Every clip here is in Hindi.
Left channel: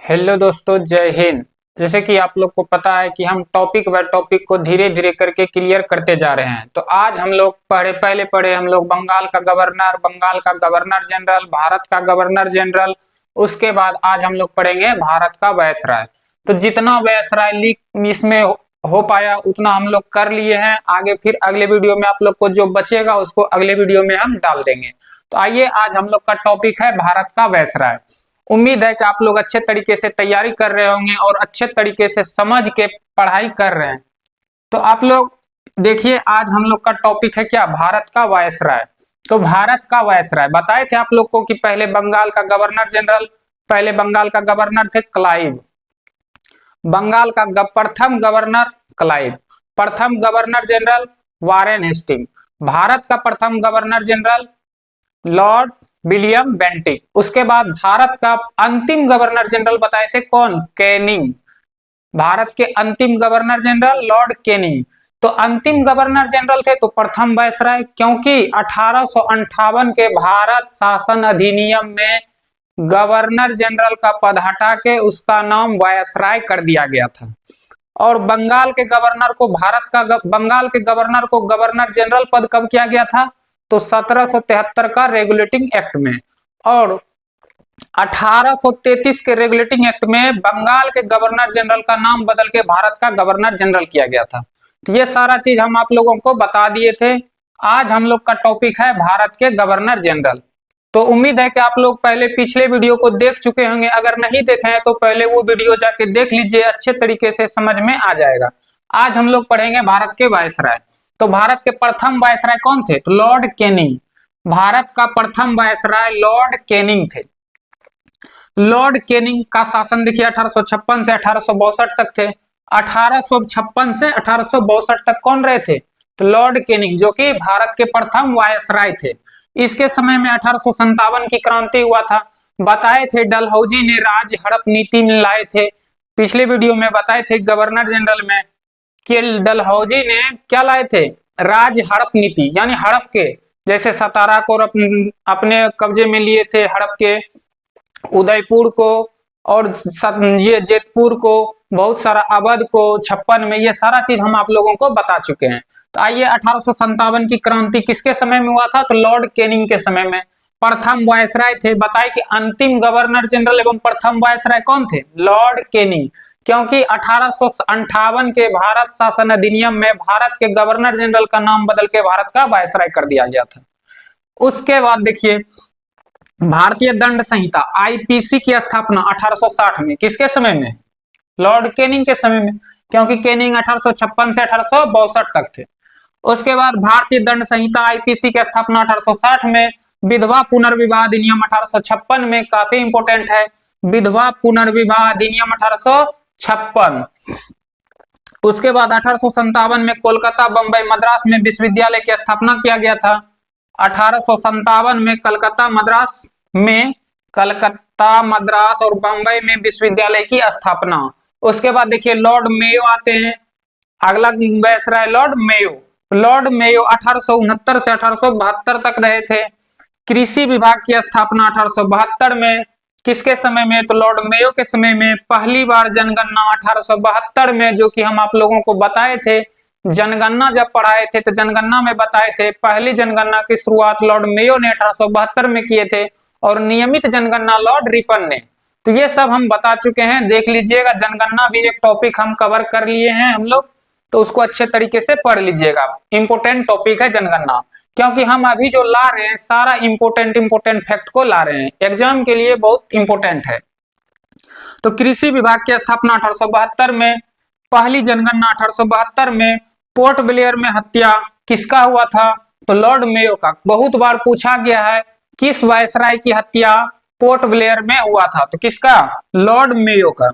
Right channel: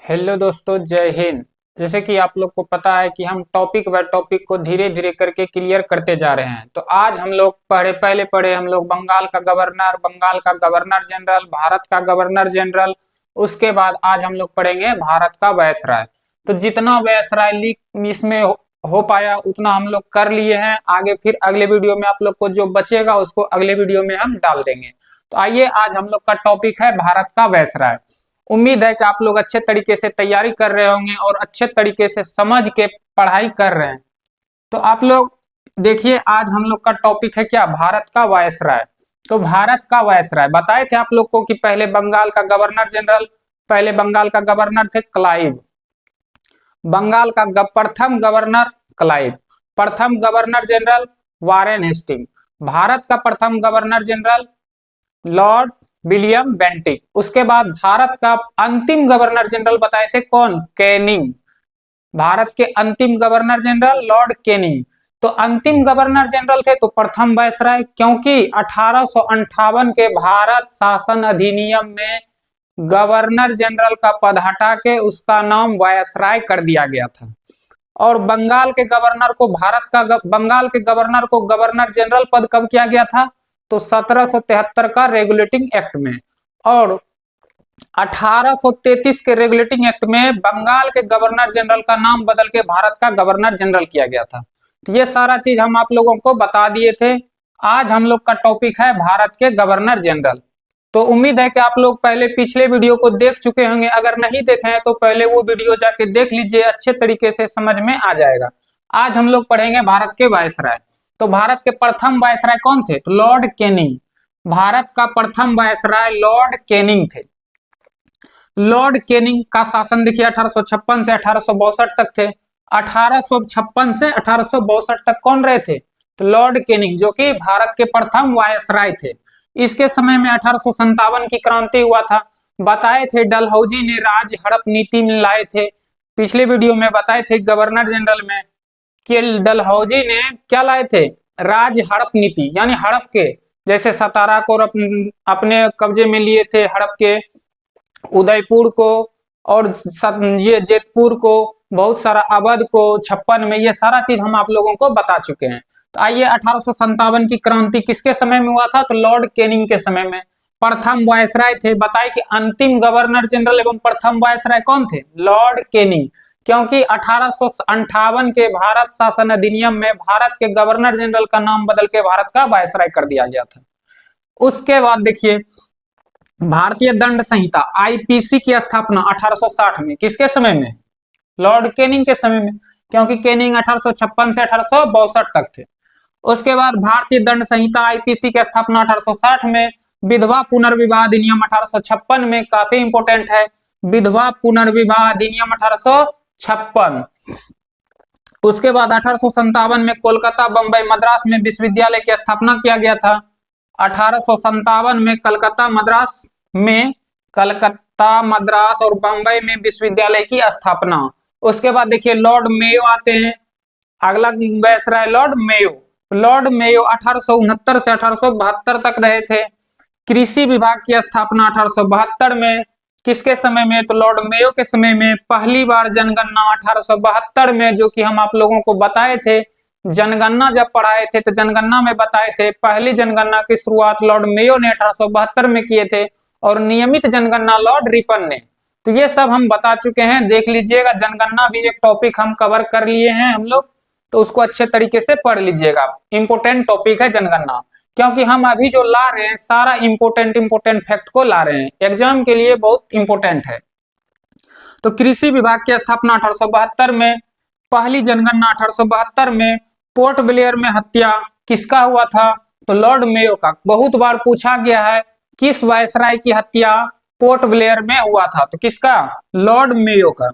हेलो दोस्तों, जय हिंद। जैसे कि आप लोग को पता है कि हम टॉपिक बाय टॉपिक को धीरे धीरे करके क्लियर करते जा रहे हैं। तो आज हम लोग पहले पढ़े हम लोग बंगाल का गवर्नर जनरल, भारत का गवर्नर जनरल। उसके बाद आज हम लोग पढ़ेंगे भारत का वायसराय। तो जितना वायसराय लीग इसमें हो पाया उतना हम लोग कर लिए हैं। आगे फिर अगले वीडियो में आप लोग को जो बचेगा उसको अगले वीडियो में हम डाल देंगे। तो आइए, आज हम लोग का टॉपिक है भारत का वायसराय। उम्मीद है कि आप लोग अच्छे तरीके से तैयारी कर रहे होंगे और अच्छे तरीके से समझ के पढ़ाई कर रहे हैं। तो आप लोग देखिए, आज हम लोग का टॉपिक है क्या, भारत का वायसराय। तो भारत का वायसराय बताए थे आप लोग को कि पहले बंगाल का गवर्नर थे क्लाइव। प्रथम गवर्नर क्लाइव। प्रथम गवर्नर जनरल वारेन हेस्टिंग। भारत का प्रथम governor general Lord William Bentinck. उसके बाद भारत का अंतिम गवर्नर जनरल बताए थे कौन, कैनिंग। भारत के अंतिम गवर्नर जनरल लॉर्ड कैनिंग। तो अंतिम गवर्नर जनरल थे तो प्रथम वायसराय, क्योंकि 1858 के भारत शासन अधिनियम में गवर्नर जनरल का पद हटा के उसका नाम वायसराय कर दिया गया था। और बंगाल के गवर्नर को गवर्नर जनरल पद कब किया गया था, तो 1773 का रेगुलेटिंग एक्ट में। और 1833 के रेगुलेटिंग एक्ट में बंगाल के गवर्नर जनरल का नाम बदल के भारत का गवर्नर जनरल किया गया था। तो ये सारा चीज हम आप लोगों को बता दिए थे। आज हम लोग का टॉपिक है भारत के गवर्नर जनरल। तो उम्मीद है कि आप लोग पहले पिछले वीडियो को देख चुके होंगे। अगर नहीं देखे हैं तो पहले वो वीडियो जाके देख लीजिए, अच्छे तरीके से समझ में आ जाएगा। आज हम लोग पढ़ेंगे भारत के वायसराय। तो भारत के प्रथम वायसराय कौन थे, तो लॉर्ड कैनिंग। भारत का प्रथम वायसराय लॉर्ड कैनिंग थे। लॉर्ड कैनिंग का शासन देखिए 1856 से 1862 तक थे। 1856 से 1862 तक कौन रहे थे, तो लॉर्ड कैनिंग, जो कि भारत के प्रथम वायसराय थे। इसके समय में 1857 की क्रांति हुआ था। बताए थे डलहौजी ने राज हड़प नीति में लाए थे। पिछले वीडियो में बताए थे गवर्नर जनरल में कि डलहौजी ने क्या लाए थे, राज हड़प नीति, यानी हड़प के, जैसे सतारा को अपने कब्जे में लिए थे, हड़प के उदयपुर को, और ये जेतपुर को, बहुत सारा अवध को 56 में, ये सारा चीज हम आप लोगों को बता चुके हैं। तो आइए, 1857 की क्रांति किसके समय में हुआ था, तो लॉर्ड कैनिंग के समय में। प्रथम वायसराय थे, बताए कि अंतिम गवर्नर जनरल एवं प्रथम वायसराय कौन थे, लॉर्ड कैनिंग, क्योंकि 1858 के भारत शासन अधिनियम में भारत के गवर्नर जनरल का नाम बदल के भारत का वायसराय कर दिया गया था। उसके बाद देखिए, भारतीय दंड संहिता आईपीसी की स्थापना 1860 में, किसके समय में, लॉर्ड कैनिंग के समय में, क्योंकि कैनिंग 1856 से 1862 तक थे। उसके बाद भारतीय दंड संहिता आईपीसी की स्थापना 1860 में। विधवा पुनर्विवाह अधिनियम 1856 में, काफी इंपोर्टेंट है, विधवा पुनर्विवाह अधिनियम 1856। उसके बाद 1857 में कोलकाता, बंबई, मद्रास में विश्वविद्यालय की स्थापना किया गया था। 1857 में कलकत्ता, मद्रास और बंबई में विश्वविद्यालय की स्थापना। उसके बाद देखिए लॉर्ड मेयो आते हैं। अगला viceroy Lord Mayo. Lord Mayo 1869 से 1872 तक रहे थे। कृषि विभाग की स्थापना 1872 में, किसके समय में, तो लॉर्ड मेयो के समय में। पहली बार जनगणना 1872 में, जो कि हम आप लोगों को बताए थे, जनगणना जब पढ़ाए थे तो जनगणना में बताए थे, पहली जनगणना की शुरुआत लॉर्ड मेयो ने 1872 में किए थे, और नियमित जनगणना लॉर्ड रिपन ने। तो ये सब हम बता चुके हैं, देख लीजिएगा। जनगणना भी एक टॉपिक हम कवर कर लिए हैं हम लोग, तो उसको अच्छे तरीके से पढ़ लीजिएगा। इंपोर्टेंट टॉपिक है जनगणना, क्योंकि हम अभी जो ला रहे हैं सारा इंपोर्टेंट फैक्ट को ला रहे हैं, एग्जाम के लिए बहुत इंपोर्टेंट है। तो कृषि विभाग की स्थापना 1872 में, पहली जनगणना 1872 में। पोर्ट ब्लेयर में हत्या किसका हुआ था, तो लॉर्ड मेयो का। बहुत बार पूछा गया है किस वायसराय की हत्या पोर्ट ब्लेयर में हुआ था, तो किसका, लॉर्ड मेयो का।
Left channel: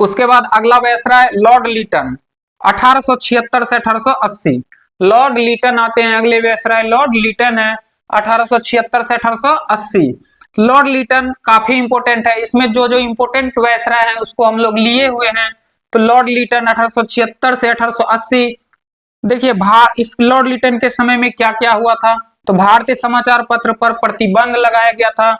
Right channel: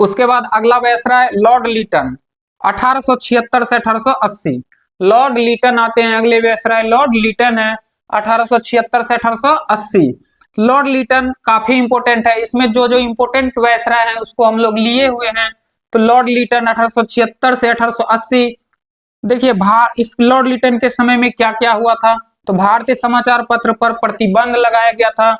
उसके बाद अगला वायसराय लॉर्ड लीटन, 1876 से 1880। लॉर्ड लीटन आते हैं, अगले वायसराय लॉर्ड लीटन है, 1876 से 1880। लॉर्ड लीटन काफी इंपोर्टेंट है, इसमें जो जो इंपोर्टेंट वायसराय है उसको हम लोग लिए हुए हैं। तो लॉर्ड लीटन 1876 से 1880। देखिए इस लॉर्ड लिटन के समय में क्या क्या हुआ था, तो भारतीय समाचार पत्र पर प्रतिबंध लगाया गया था।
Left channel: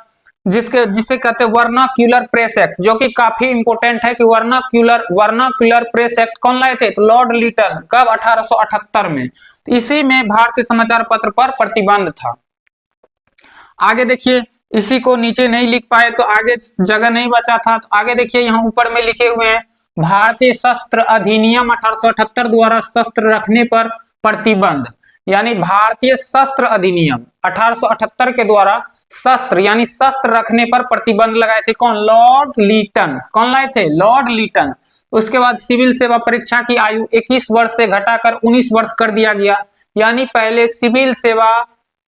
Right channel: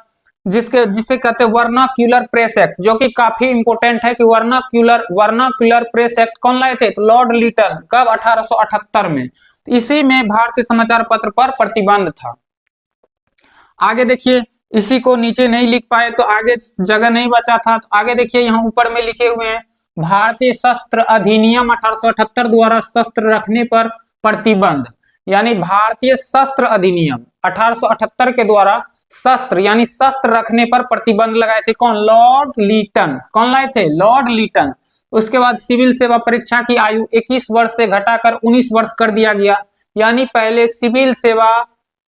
जिसे कहते हैं वर्नाक्यूलर प्रेस एक्ट, जो कि काफी इंपॉर्टेंट है कि वर्नाक्यूलर प्रेस एक्ट कौन लाए थे? तो लॉर्ड लीटन। कब? 1878 में। इसी में भारतीय समाचार पत्र पर प्रतिबंध था। आगे देखिए, इसी को नीचे नहीं लिख पाए तो आगे जगह नहीं बचा था, तो आगे देखिए यहाँ ऊपर में लिखे हुए हैं भारतीय शस्त्र अधिनियम 1878 द्वारा शस्त्र रखने पर प्रतिबंध। यानी भारतीय शस्त्र अधिनियम 1878 के द्वारा शस्त्र यानी शस्त्र रखने पर प्रतिबंध लगाए थे कौन? Lord Lytton. कौन लाए थे? Lord Lytton. उसके बाद सिविल सेवा परीक्षा की आयु 21 वर्ष से घटाकर 19 वर्ष कर दिया गया। यानी पहले सिविल सेवा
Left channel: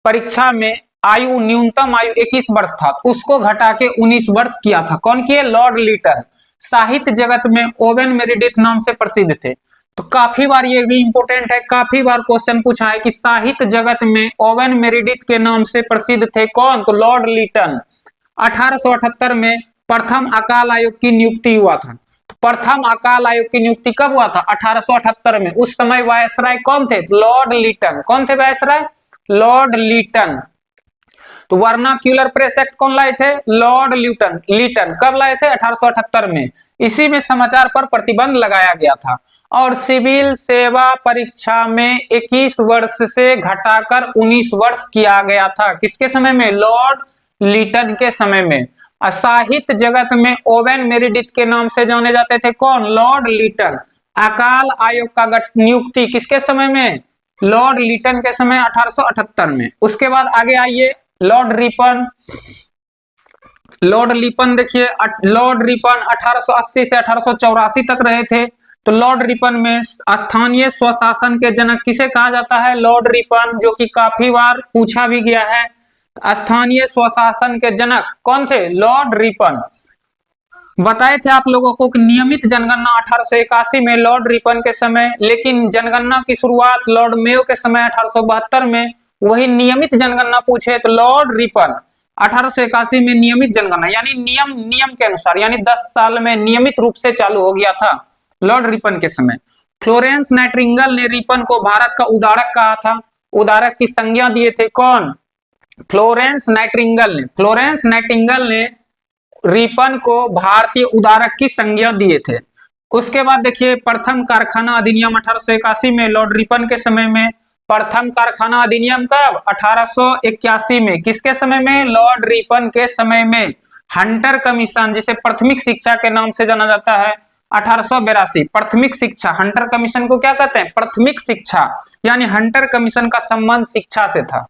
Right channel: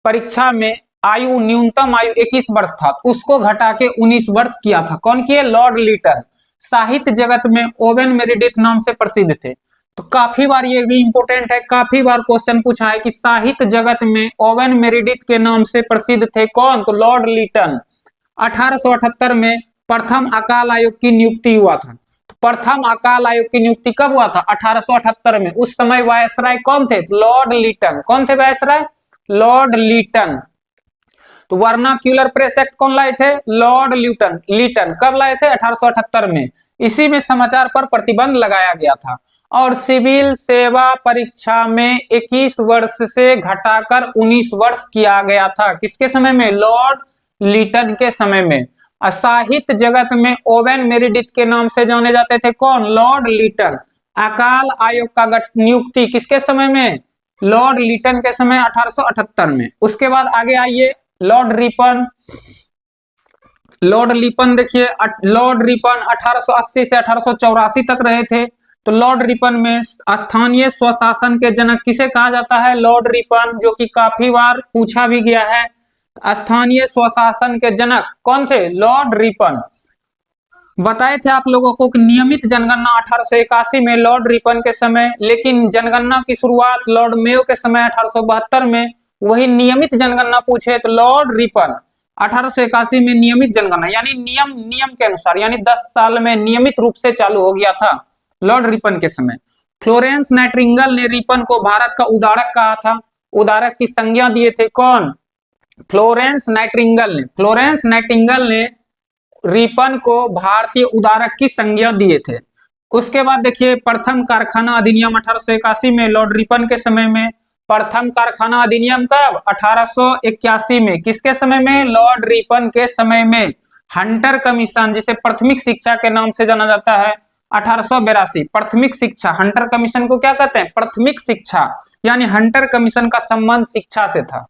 परीक्षा में आयु न्यूनतम आयु 21 वर्ष था, उसको घटा के 19 वर्ष किया था। कौन किए? Lord Lytton. साहित्य जगत में ओवेन मेरिडिथ नाम से प्रसिद्ध थे। तो काफी बार ये भी इंपॉर्टेंट है, काफी बार क्वेश्चन पूछा है कि साहित्य जगत में ओवेन मेरिडिथ के नाम से प्रसिद्ध थे कौन? तो लॉर्ड लीटन। 1878 में प्रथम अकाल आयोग की नियुक्ति हुआ था। तो प्रथम अकाल आयोग की नियुक्ति कब हुआ था? 1878 में। उस समय वायसराय कौन थे? Lord Lytton. कौन थे वायसराय? Lord Lytton. तो वर्नाक्यूलर प्रेस एक्ट कौन लाए थे? Lord Lytton. कब लाए थे? 1878 में। इसी में समाचार पर प्रतिबंध लगाया गया था। और सिविल सेवा परीक्षा में 21 वर्ष से घटाकर 19 वर्ष किया गया था। किसके समय में? लॉर्ड लीटन के समय में। साहित्य जगत में ओवेन मेरिडिथ के नाम से जाने जाते थे कौन? Lord Lytton. अकाल आयोग का नियुक्ति किसके समय में? लॉर्ड लीटन के समय 1878 में। उसके बाद आगे आइए, लॉर्ड रिपन देखिए, लॉर्ड रिपन 1880 से 1884 तक रहे थे। तो लॉर्ड रिपन में स्थानीय स्वशासन के जनक किसे कहा जाता है? लॉर्ड रिपन, जो कि काफी बार पूछा भी गया है। स्थानीय स्वशासन के जनक कौन थे? Lord Ripon. बताए थे आप लोगों को कि नियमित जनगणना 1881 में लॉर्ड रिपन के समय, लेकिन जनगणना की शुरुआत लॉर्ड मेयो के समय 1872 में। वही नियमित जनगणना पूछे तो लॉर्ड रिपन 1881 में नियमित जनगणना यानी नियम के अनुसार, यानी 10 साल में नियमित रूप से चालू हो गया था लॉर्ड रिपन के समय। फ्लोरेंस नाइटिंगेल ने रिपन को भारत का उदारक कहा था। उदारक की संज्ञा दिए थे कौन? फ्लोरेंस नाइटिंगेल ने रिपन को भारतीय उदारक की संज्ञा दिए थे। उसके बाद देखिए, प्रथम कारखाना अधिनियम 1881 में लॉर्ड रिपन के समय में। प्रथम कारखाना अधिनियम कब? 1881 में। किसके समय में? लॉर्ड रिपन के समय में। हंटर कमीशन, जिसे प्राथमिक शिक्षा के नाम से जाना जाता है, 1882। प्राथमिक शिक्षा, हंटर कमीशन को क्या कहते हैं? प्राथमिक शिक्षा। यानी हंटर कमीशन का संबंध शिक्षा से था।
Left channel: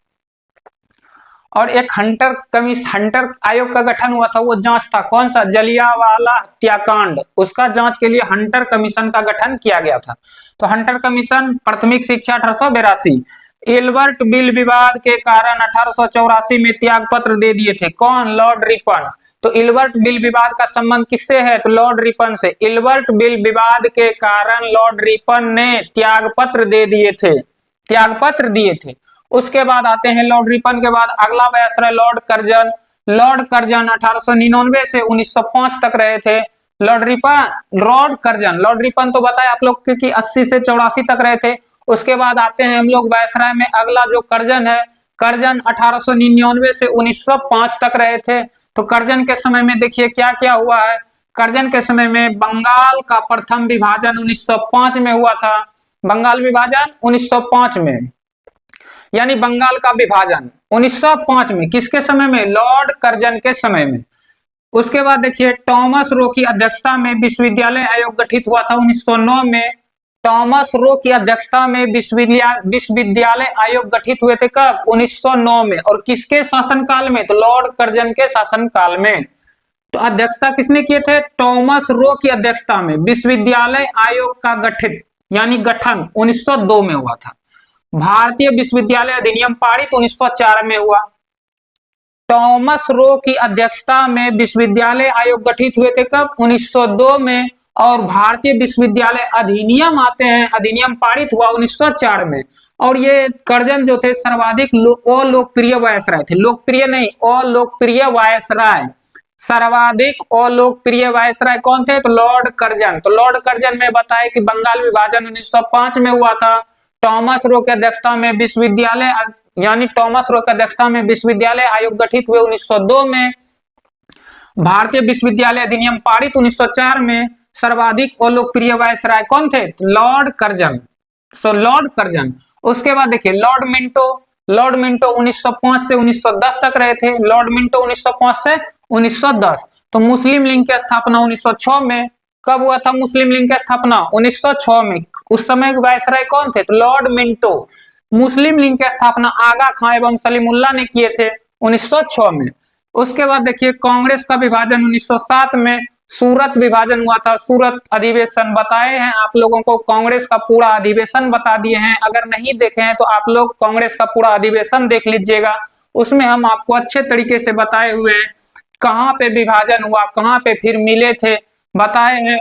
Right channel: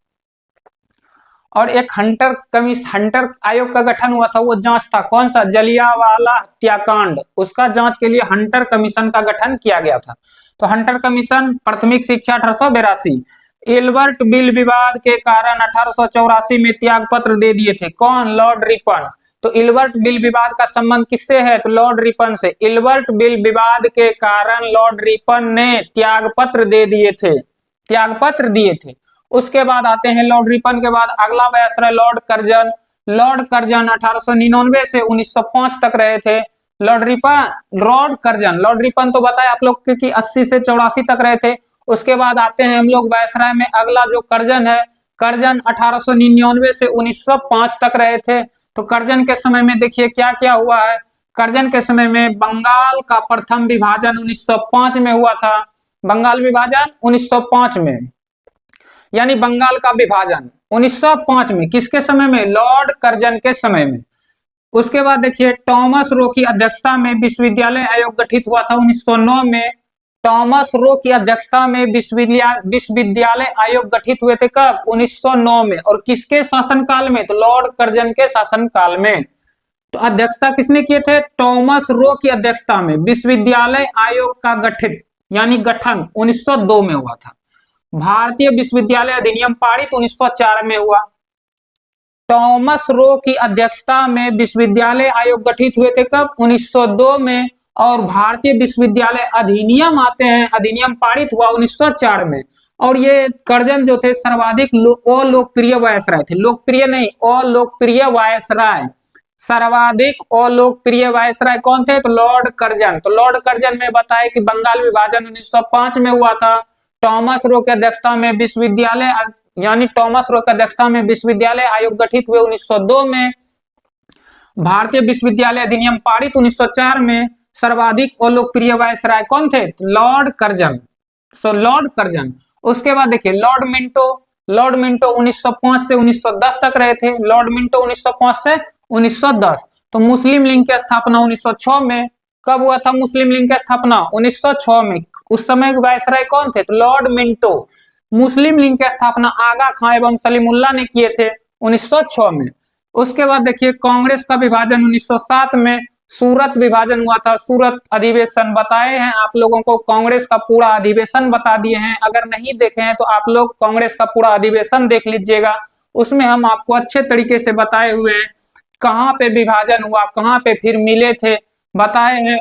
और एक हंटर आयोग का गठन हुआ था, वो जांच था कौन सा? जलियांवाला हत्याकांड। उसका जांच के लिए हंटर कमीशन का गठन किया गया था। तो हंटर कमीशन, प्राथमिक शिक्षा 1882। एल्बर्ट बिल विवाद के कारण 1884 में त्याग पत्र दे दिए थे कौन? Lord Ripon. तो एल्बर्ट बिल विवाद का संबंध किससे है? तो लॉर्ड रिपन से। एल्बर्ट बिल विवाद के कारण लॉर्ड रिपन ने त्याग पत्र दिए थे। उसके बाद आते हैं लॉर्ड रिपन के बाद अगला viceroy Lord Curzon. Lord Curzon 1899 से 1905 तक रहे थे। लॉर्ड रिपन तो बताए आप लोग कि 80 से 84 तक रहे थे। उसके बाद आते हैं हम लोग वायसराय में, अगला जो कर्जन है, कर्जन 1899 से 1905 तक रहे थे। तो कर्जन के समय में देखिए क्या क्या हुआ है। कर्जन के समय में बंगाल का प्रथम विभाजन 1905 में हुआ था। बंगाल विभाजन 1905 में, यानी बंगाल का विभाजन 1905 में। किसके समय में? लॉर्ड कर्जन के समय में। उसके बाद देखिए, टॉमस रो की अध्यक्षता में विश्वविद्यालय आयोग गठित हुआ था 1909 में। टॉमस रो की अध्यक्षता में विश्वविद्यालय आयोग गठित हुए थे कब? 1909 में। और किसके शासनकाल में? तो लॉर्ड कर्जन के शासनकाल में। तो अध्यक्षता किसने किए थे? टॉमस रो की अध्यक्षता में विश्वविद्यालय आयोग का गठित यानी गठन 1902 में हुआ था। भारतीय विश्वविद्यालय अधिनियम पारित 1904 में हुआ। टॉमस रो की अध्यक्षता में विश्वविद्यालय आयोग गठित हुए थे कब? 1902 में। और भारतीय विश्वविद्यालय अधिनियम आते हैं, अधिनियम पारित हुआ 1904 में। और ये कर्जन जो थे सर्वाधिक अलोकप्रिय वायसराय थे। लोकप्रिय नहीं, अलोकप्रिय वायसराय। सर्वाधिक अलोकप्रिय वायसराय कौन थे? तो लॉर्ड कर्जन। तो लॉर्ड कर्जन में बताए कि बंगाल विभाजन 1905 में हुआ था। टॉमस रो की अध्यक्षता में विश्वविद्यालय आयोग गठित हुए 1902 में। भारतीय विश्वविद्यालय अधिनियम पारित 1904 में सर्वाधिक और लोकप्रिय वायसराय कौन थे? Lord Curzon. Lord Curzon. उसके बाद देखिए लॉर्ड मिंटो 1905 से 1910 तक रहे थे। लॉर्ड मिंटो 1905 से 1910। तो मुस्लिम लीग की स्थापना 1906 में। कब हुआ था मुस्लिम लीग की स्थापना? 1906 में। उस समय वायसराय कौन थे? तो लॉर्ड मिंटो। मुस्लिम लीग की स्थापना आगा खां एवं सलीमुल्लाह ने किए थे 1906 में। उसके बाद देखिए कांग्रेस का विभाजन 1907 में। सूरत विभाजन हुआ था, सूरत अधिवेशन बताए हैं आप लोगों को, कांग्रेस का पूरा अधिवेशन बता दिए हैं। अगर नहीं देखे हैं तो आप लोग कांग्रेस का पूरा अधिवेशन देख लीजिएगा, उसमें हम आपको अच्छे तरीके से बताए हुए हैं कहाँ पे विभाजन हुआ, कहाँ पे फिर मिले थे, बताए हैं।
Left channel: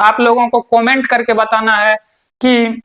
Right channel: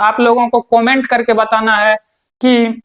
आप लोगों को कमेंट करके बताना है कि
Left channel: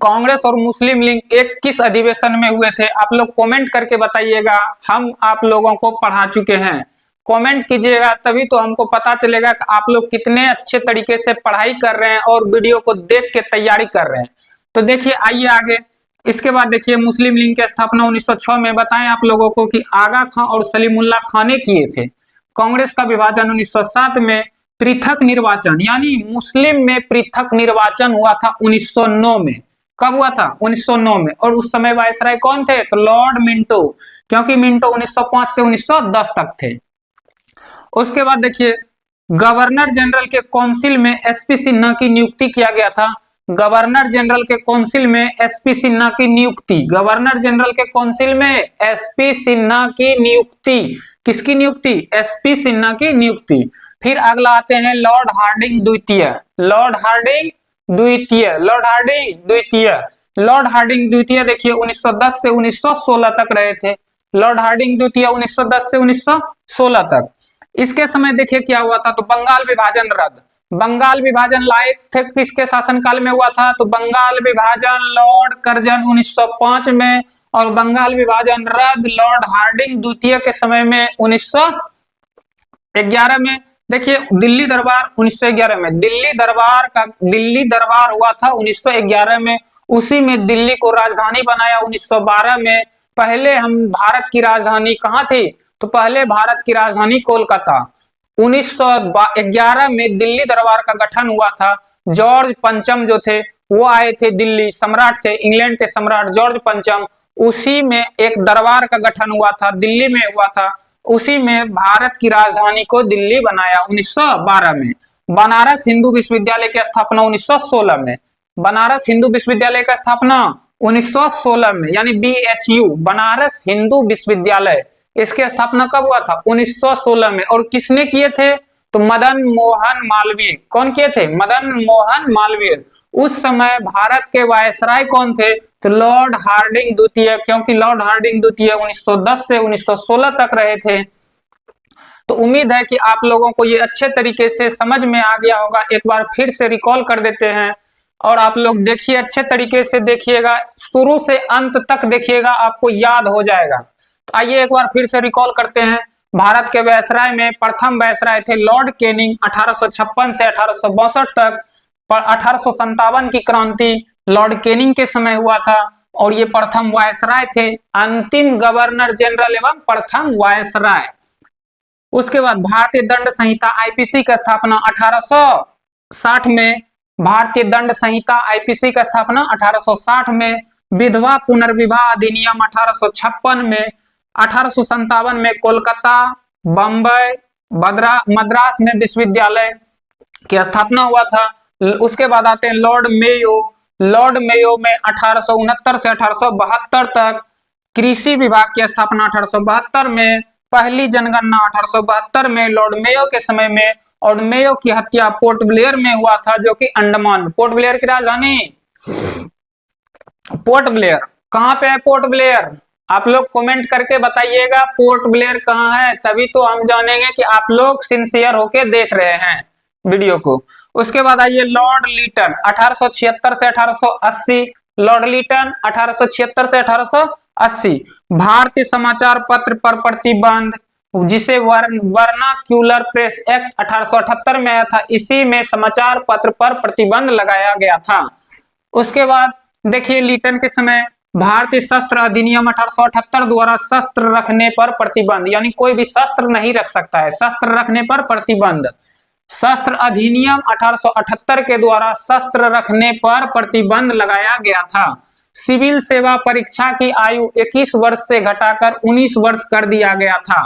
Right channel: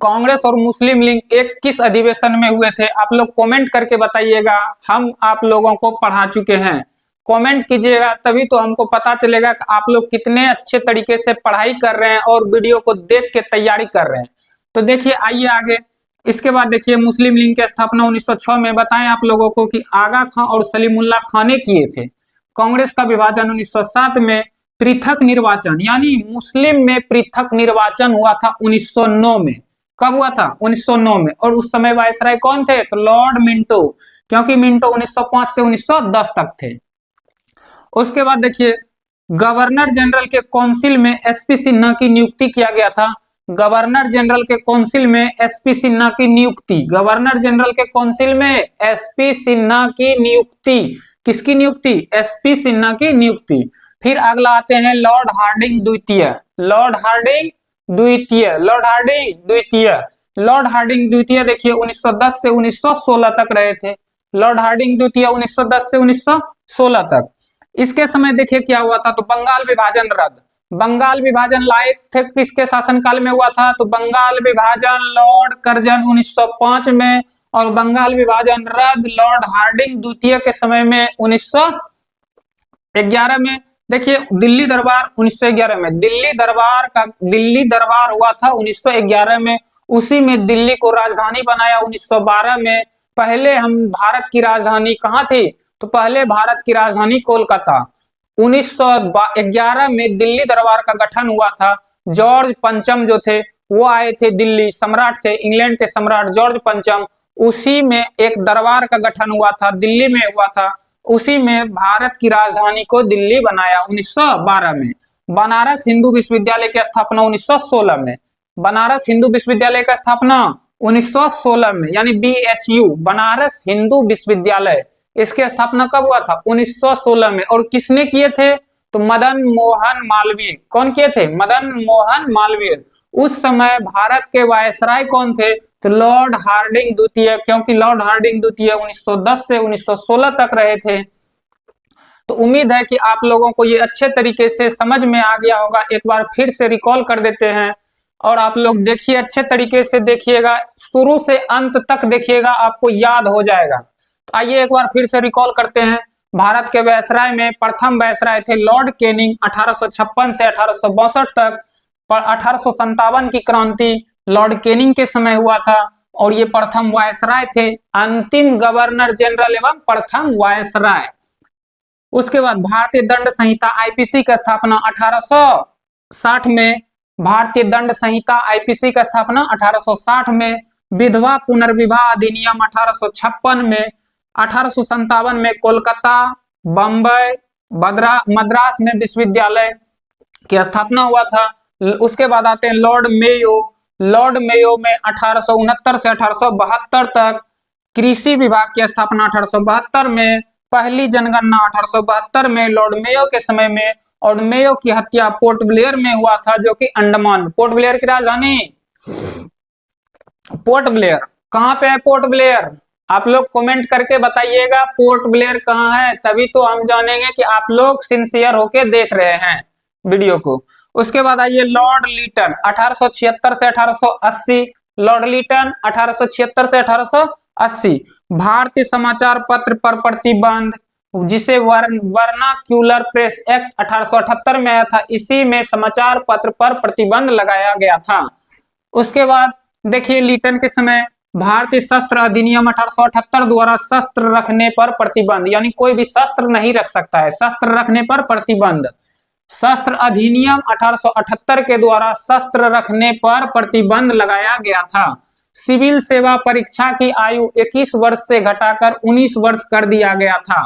कांग्रेस और मुस्लिम लीग एक किस अधिवेशन में हुए थे। आप लोग कमेंट करके बताइएगा, हम आप लोगों को पढ़ा चुके हैं। कमेंट कीजिएगा तभी तो हमको पता चलेगा कि आप लोग कितने अच्छे तरीके से पढ़ाई कर रहे हैं और वीडियो को देख के तैयारी कर रहे हैं। तो देखिए आइए आगे। इसके बाद देखिए मुस्लिम लीग की स्थापना 1906 में बताएं आप लोगों को कि आगा खां और सलीमुल्लाह खां ने किए थे। कांग्रेस का विभाजन 1907 में। पृथक निर्वाचन यानी मुस्लिम में पृथक निर्वाचन हुआ था 1909 में। कब हुआ था? 1909 में। और उस समय वायसराय कौन थे? तो लॉर्ड मिंटो, क्योंकि मिंटो 1905 से 1910 तक थे। उसके बाद देखिए गवर्नर जनरल के काउंसिल में एसपी सिन्हा की नियुक्ति किया गया था। गवर्नर जनरल के काउंसिल में एसपी सिन्हा की नियुक्ति, गवर्नर जनरल के काउंसिल में एसपी सिन्हा की नियुक्ति। किसकी नियुक्ति? एसपी सिन्हा की नियुक्ति। फिर अगला आते हैं लॉर्ड हार्डिंग द्वितीय। लॉर्ड हार्डिंग द्वितीय, लॉर्ड हार्डिंग द्वितीय, लॉर्ड हार्डिंग द्वितीय देखिए 1910 से 1916 तक रहे थे। लॉर्ड हार्डिंग द्वितीय 1910 से 1916 तक। इसके समय देखिए क्या हुआ था, तो बंगाल विभाजन रद्द। बंगाल विभाजन लायक थे किसके शासनकाल में हुआ था? तो बंगाल विभाजन लॉर्ड कर्जन 1905 में, और बंगाल विभाजन रद्द लॉर्ड हार्डिंग द्वितीय के समय में 1911 में। देखिए दिल्ली दरबार 1911 में, दिल्ली दरबार हुआ था 1911 में। उसी में दिल्ली को राजधानी बनाया 1912 में। पहले हम भारत की राजधानी कहाँ थी? तो पहले भारत की राजधानी कोलकाता। 1911 में दिल्ली दरबार का गठन हुआ था। जॉर्ज पंचम जो थे वो आए थे, दिल्ली सम्राट थे, इंग्लैंड के सम्राट जॉर्ज पंचम। उसी में एक दरबार का गठन हुआ था, दिल्ली में हुआ था। उसी में भारत की राजधानी को दिल्ली बनाया 1912 में। बनारस हिंदू विश्वविद्यालय की स्थापना 1916 में। बनारस हिंदू विश्वविद्यालय का स्थापना 1916 में, यानी BHU बनारस हिंदू विश्वविद्यालय, इसकी स्थापना कब हुआ था? 1916 में। और किसने किए थे? तो मदन मोहन मालवीय। कौन किए थे? मदन मोहन मालवीय। उस समय भारत के वायसराय कौन थे? तो लॉर्ड हार्डिंग द्वितीय, क्योंकि लॉर्ड हार्डिंग द्वितीय 1910 से 1916 तक रहे थे। तो उम्मीद है कि आप लोगों को ये अच्छे तरीके से समझ में आ गया होगा। एक बार फिर से रिकॉल कर देते हैं और आप लोग देखिए, अच्छे तरीके से देखिएगा, शुरू से अंत तक देखिएगा, आपको याद हो जाएगा। तो आइए एक बार फिर से रिकॉल करते हैं। भारत के वायसराय में प्रथम वायसराय थे लॉर्ड कैनिंग 1856 से 1862 तक। 1857 की क्रांति लॉर्ड कैनिंग के समय हुआ था और ये प्रथम वायसराय थे, अंतिम गवर्नर जनरल एवं प्रथम वायसराय। उसके बाद भारतीय दंड संहिता आईपीसी का स्थापना 1860 में। भारतीय दंड संहिता आईपीसी का स्थापना 1860 में। विधवा पुनर्विवाह अधिनियम 1856 में। 1857 में कोलकाता, बम्बई, मद्रास में विश्वविद्यालय की स्थापना हुआ था। उसके बाद आते हैं लॉर्ड मेयो। लॉर्ड मेयो में 1869 से 1872 तक। कृषि विभाग की स्थापना 1872 में। पहली जनगणना 1872 में लॉर्ड मेयो के समय में। और मेयो की हत्या पोर्ट ब्लेयर में हुआ था, जो कि अंडमान। पोर्ट ब्लेयर की राजधानी पोर्ट ब्लेयर। कहाँ पे है पोर्ट ब्लेयर? आप लोग कमेंट करके बताइएगा पोर्ट ब्लेयर कहाँ है, तभी तो हम जानेंगे कि आप लोग सिंसियर होके देख रहे हैं वीडियो को। उसके बाद आइए लॉर्ड लीटन 1876 से 1880। लॉर्ड लीटन 1876 से 1880। भारतीय समाचार पत्र पर प्रतिबंध, जिसे वर्नाक्यूलर प्रेस एक्ट 1878 में आया था, इसी में समाचार पत्र पर प्रतिबंध लगाया गया था। उसके बाद देखिए लीटन के समय भारतीय शस्त्र अधिनियम 1878 द्वारा शस्त्र रखने पर प्रतिबंध, यानी कोई भी शस्त्र नहीं रख सकता है, शस्त्र रखने पर प्रतिबंध। शस्त्र अधिनियम 1878 के द्वारा शस्त्र रखने पर प्रतिबंध लगाया गया था। सिविल सेवा परीक्षा की आयु 21 वर्ष से घटाकर 19 वर्ष कर दिया गया था।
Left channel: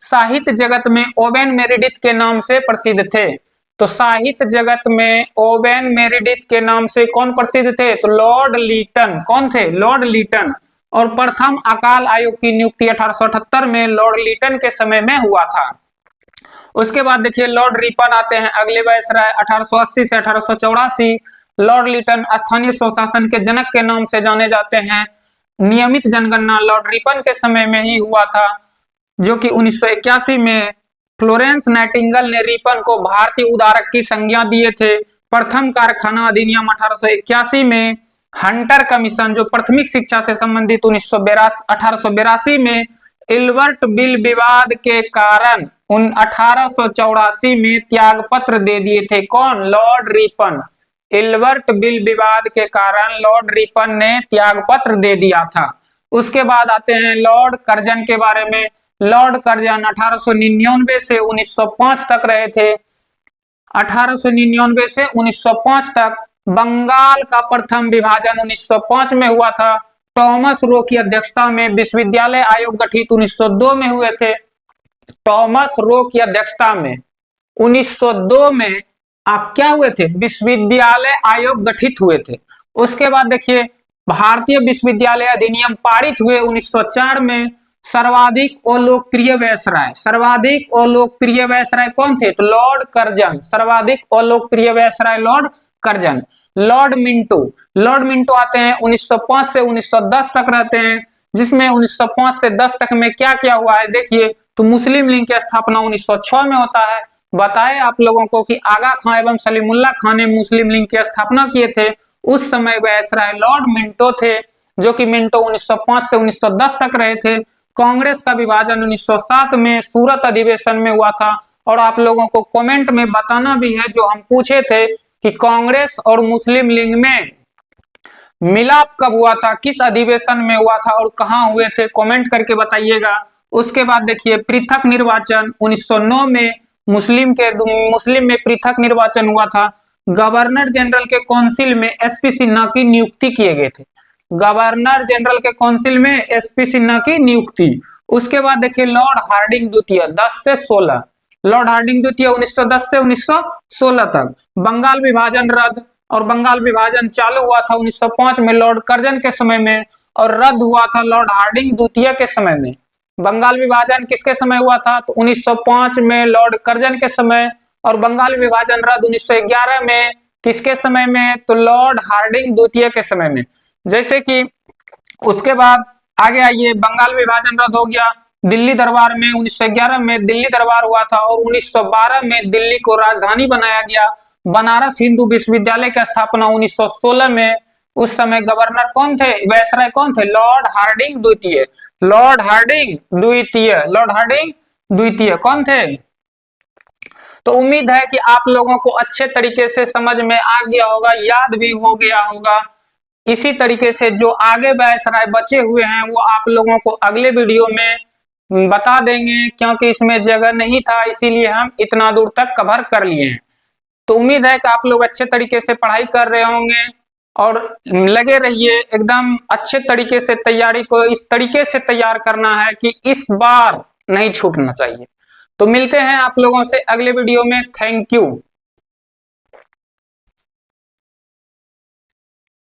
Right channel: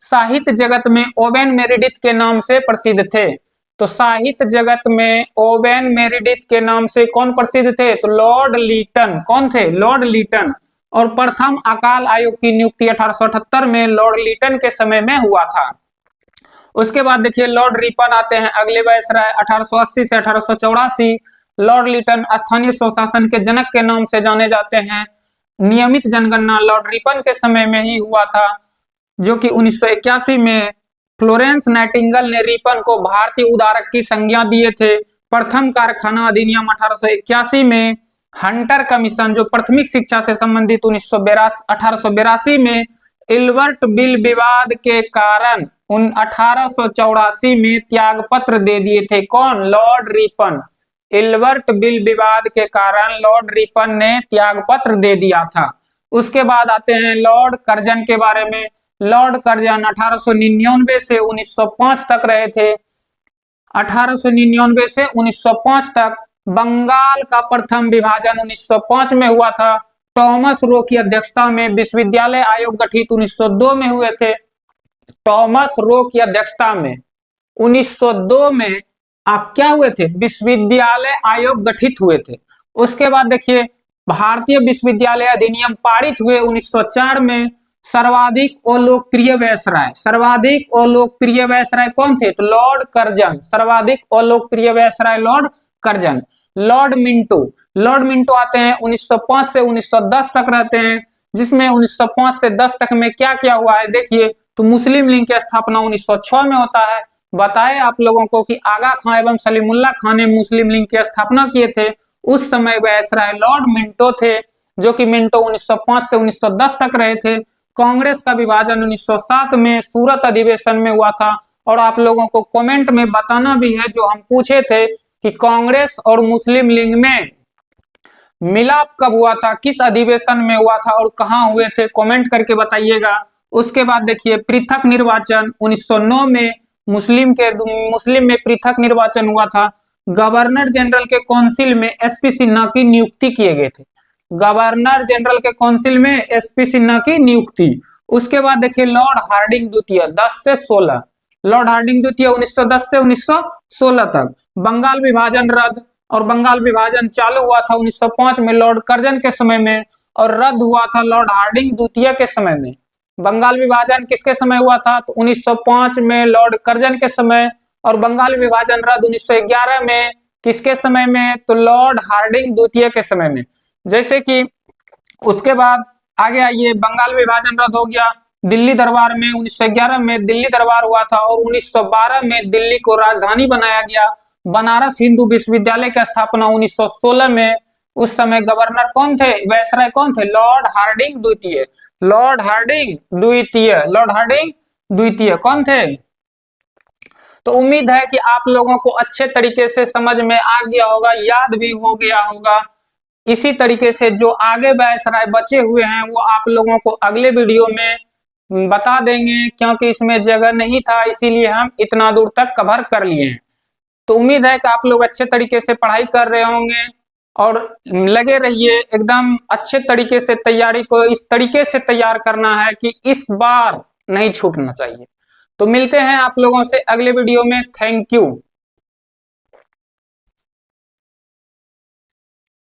साहित्य जगत में ओवेन मेरिडिथ के नाम से प्रसिद्ध थे। तो साहित्य जगत में ओवेन मेरिडिथ के नाम से कौन प्रसिद्ध थे? तो लॉर्ड लीटन। कौन थे? Lord Lytton. और प्रथम अकाल आयोग की नियुक्ति 1878 में लॉर्ड लीटन के समय में हुआ था। उसके बाद देखिए लॉर्ड रिपन आते हैं अगले वायसराय 1880 से 1884। लॉर्ड लीटन स्थानीय स्वशासन के जनक के नाम से जाने जाते हैं। नियमित जनगणना लॉर्ड रिपन के समय में ही हुआ था, जो कि 1981 में फ्लोरेंस नाइटिंगेल ने रिपन को भारतीय उदारक की संज्ञा दिए थे। प्रथम कारखाना अधिनियम 1881 में हंटर कमीशन, जो प्राथमिक शिक्षा से संबंधित 1882 में इल्बर्ट बिल विवाद के कारण 1884 में त्याग पत्र दे दिए थे। कौन? Lord Ripon. इल्बर्ट बिल विवाद के कारण लॉर्ड रिपन ने त्याग पत्र दे दिया था। उसके बाद आते हैं लॉर्ड कर्जन के बारे में। लॉर्ड कर्जन 1899 से 1905 तक रहे थे। 1899 से 1905 तक। बंगाल का प्रथम विभाजन 1905 में हुआ था। टॉमस रो की अध्यक्षता में विश्वविद्यालय आयोग गठित 1902 में हुए थे। टॉमस रो की अध्यक्षता में 1902 में आप क्या हुए थे? विश्वविद्यालय आयोग गठित हुए थे। उसके बाद देखिए भारतीय विश्वविद्यालय अधिनियम पारित हुए 1904 में। सर्वाधिक अलोकप्रिय वायसराय, सर्वाधिक अलोकप्रिय वायसराय कौन थे? तो लॉर्ड कर्जन। सर्वाधिक अलोकप्रिय viceroy Lord Curzon. Lord Minto, Lord Minto आते हैं 1905 से 1910 तक रहते हैं, जिसमें 1905 से 10 तक में क्या क्या हुआ है देखिए। तो मुस्लिम लीग की स्थापना 1906 में होता है। बताए आप लोगों को कि आगा खां एवं सलीमुल्लाह खां ने मुस्लिम लीग की स्थापना किए थे। उस समय वायसराय लॉर्ड मिंटो थे, जो कि मिंटो 1905 से 1910 तक रहे थे। कांग्रेस का विभाजन 1907 में सूरत अधिवेशन में हुआ था। और आप लोगों को कमेंट में बताना भी है, जो हम पूछे थे कि कांग्रेस और मुस्लिम लीग में मिलाप कब हुआ था, किस अधिवेशन में हुआ था और कहां हुए थे, कमेंट करके बताइएगा। उसके बाद देखिए पृथक निर्वाचन 1909 में मुस्लिम में पृथक निर्वाचन हुआ था। गवर्नर जनरल के काउंसिल में एसपी सिन्हा की नियुक्ति किए गए थे। गवर्नर जनरल के काउंसिल में एसपी सिन्हा की नियुक्ति। उसके बाद देखिए लॉर्ड हार्डिंग द्वितीय 10 से 16। लॉर्ड हार्डिंग द्वितीय 1910 से 1916 तक। बंगाल विभाजन रद्द, और बंगाल विभाजन चालू हुआ था 1905 में लॉर्ड कर्जन के समय में, और रद्द हुआ था लॉर्ड हार्डिंग द्वितीय के समय में। बंगाल विभाजन किसके समय हुआ था? तो 1905 में लॉर्ड कर्जन के समय। और बंगाल विभाजन रद्द 1911 में किसके समय में? तो लॉर्ड हार्डिंग द्वितीय के समय में। जैसे कि उसके बाद आगे आइए, बंगाल विभाजन रद्द हो गया। दिल्ली दरबार में 1911 में दिल्ली दरबार हुआ था, और 1912 में दिल्ली को राजधानी बनाया गया। बनारस हिंदू विश्वविद्यालय की स्थापना 1916 में। उस समय गवर्नर कौन थे? वायसराय कौन थे? लॉर्ड हार्डिंग द्वितीय। लॉर्ड हार्डिंग द्वितीय, लॉर्ड हार्डिंग द्वितीय कौन थे? तो उम्मीद है कि आप लोगों को अच्छे तरीके से समझ में आ गया होगा, याद भी हो गया होगा। इसी तरीके से जो आगे वायसराय बचे हुए हैं वो आप लोगों को अगले वीडियो में बता देंगे, क्योंकि इसमें जगह नहीं था, इसीलिए हम इतना दूर तक कवर कर लिए हैं। तो उम्मीद है कि आप लोग अच्छे तरीके से पढ़ाई कर रहे होंगे, और लगे रहिए एकदम अच्छे तरीके से। तैयारी को इस तरीके से तैयार करना है कि इस बार नहीं छूटना चाहिए। तो मिलते हैं आप लोगों से अगले वीडियो में। Thank you.